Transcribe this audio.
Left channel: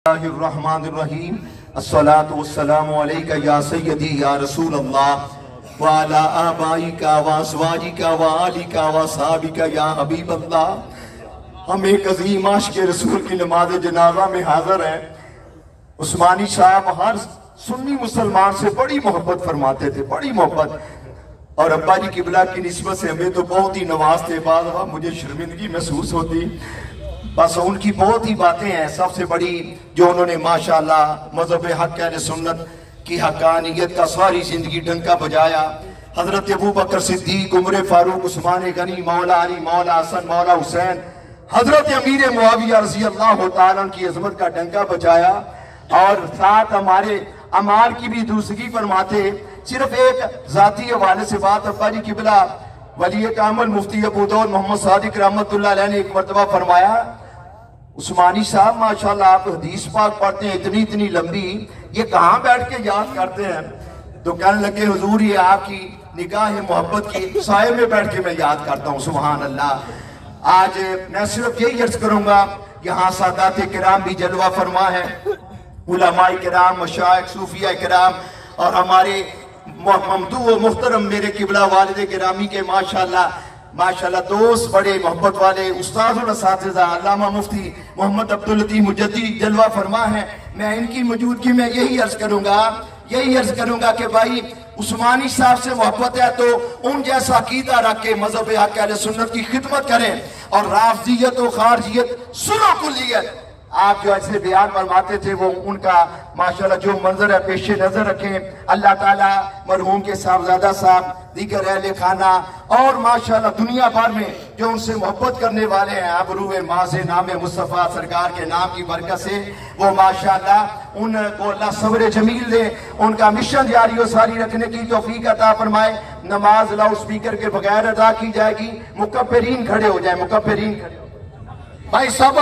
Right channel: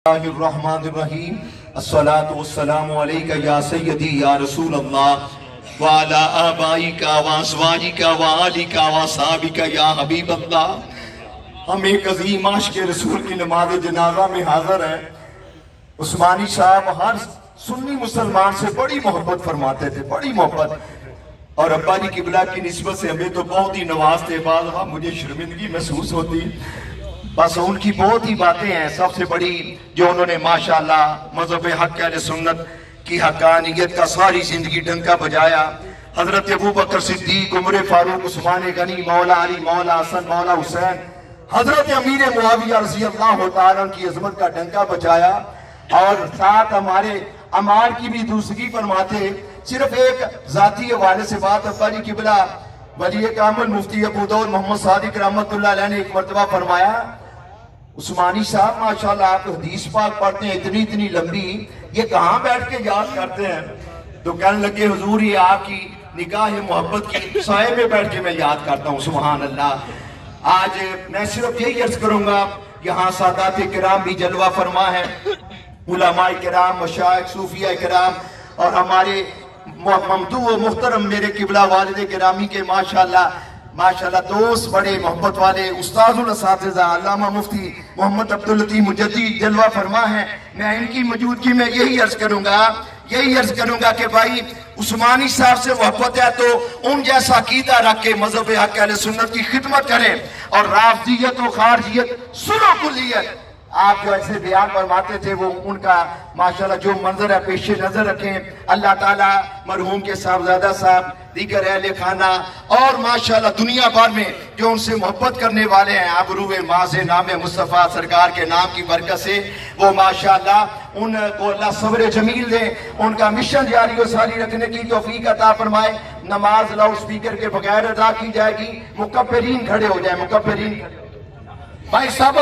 बिस्मिल्लाहिर्रहमानिर्रहीम अस्सलातु वस्सलामु अलैका या सय्यदी या रसूल अल्लाह व अला आबाइका व अज़वाजिका व आलिका व सहाबिका या हबीब अल्लाह। हम एक अज़ीम आशिक़ रसूल की नमाज जनाजा में हाजिर हैं। उस्मानी साहब हर सुन्नी मुसलमान से बड़ी मोहब्बत फरमाते थे, बड़ी मोहब्बत, और अब्बा जी किबला की निस्बत से हमें तो बहुत ही नवाजते। बाद मुझे शर्मिंदगी महसूस होती, बस उनकी बहुत ही बातें हैं। सबसे बड़ी जो उन्होंने माशाअल्लाह मज़हब हक़ अहले सुन्नत की हक़ानियत का सारी जिंदगी डंका बजाया। हजरत अबू बकर सिद्दीक, उमर फारूक, उस्मान गनी, मौला अली, मौला हसन, मौला हुसैन, हजरत अमीर मुआविया रज़ी अल्लाह तआला की अज़मत का डंका बजाया। और साथ हमारे अमाल की भी दूसरी फरमाते। सिर्फ एक जाती हवाले से बात, अब्बा जी किबला वली कामिल मुफ्ती अबू दाऊद मोहम्मद सादिक रहमतुल्लाह अलैह ने एक मरतबा फरमाया, उस्मानी साहब माशाल्लाह आप हदीस पाक पढ़ते हैं इतनी इतनी लंबी, ये कहाँ बैठ के याद करते हैं? तो कहने लगे हुजूर ये आपकी निगाह मोहब्बत की साये में बैठ के मैं याद करता हूँ। सुभान अल्लाह। आज मैं सिर्फ यही अर्ज करूंगा, यहाँ सादात किराम भी जलवा फरमा है, उलमाए किराम, मशाइख, सूफिया किराम, और हमारे ममदू व मुहतरम मेरे किबला वालिद गिरामी के माशाल्लाह माशाल्लाह दोस्त, बड़े मोहब्बत वाले उस्ताद सहाबज़दा अल्लामा मुफ्ती मोहम्मद अब्दुल लतीफ़ मुजद्दिद जलवा फरमा है। मैं इनकी मौजूदगी में यही अर्ज करूंगा कि भाई उस्मानी साहब से मोहब्बत है तो उन जैसा अकीदा रख के मज़हब हक़ अहले सुन्नत की खिदमत करें, और राफ़िज़ियत और खारिजियत सुनो कुल्लियत आप जो ऐसे बयान फरमाते थे वो उनका माशाल्लाह जो मंजर है पेशे नजर रखें। अल्लाह ताला मरहूम के सahibzada साहब, दीगर अहले खाना और माशाल्लाह दुनिया भर में जो उनसे मोहब्बत करने वाले हैं, आबरूए माँ से नाम मुस्तफ़ा सरकार के नाम की बरकत से वो माशाल्लाह उनको अल्लाह सब्र जमील दे, उनका मिशन जारी और सारी रखने की तौफीक अता फरमाए। नमाज लाउड स्पीकर के बगैर अदा की जाएगी। मुकब्बिरीन खड़े हो जाए, मुकब्बिरीन भाई साहब।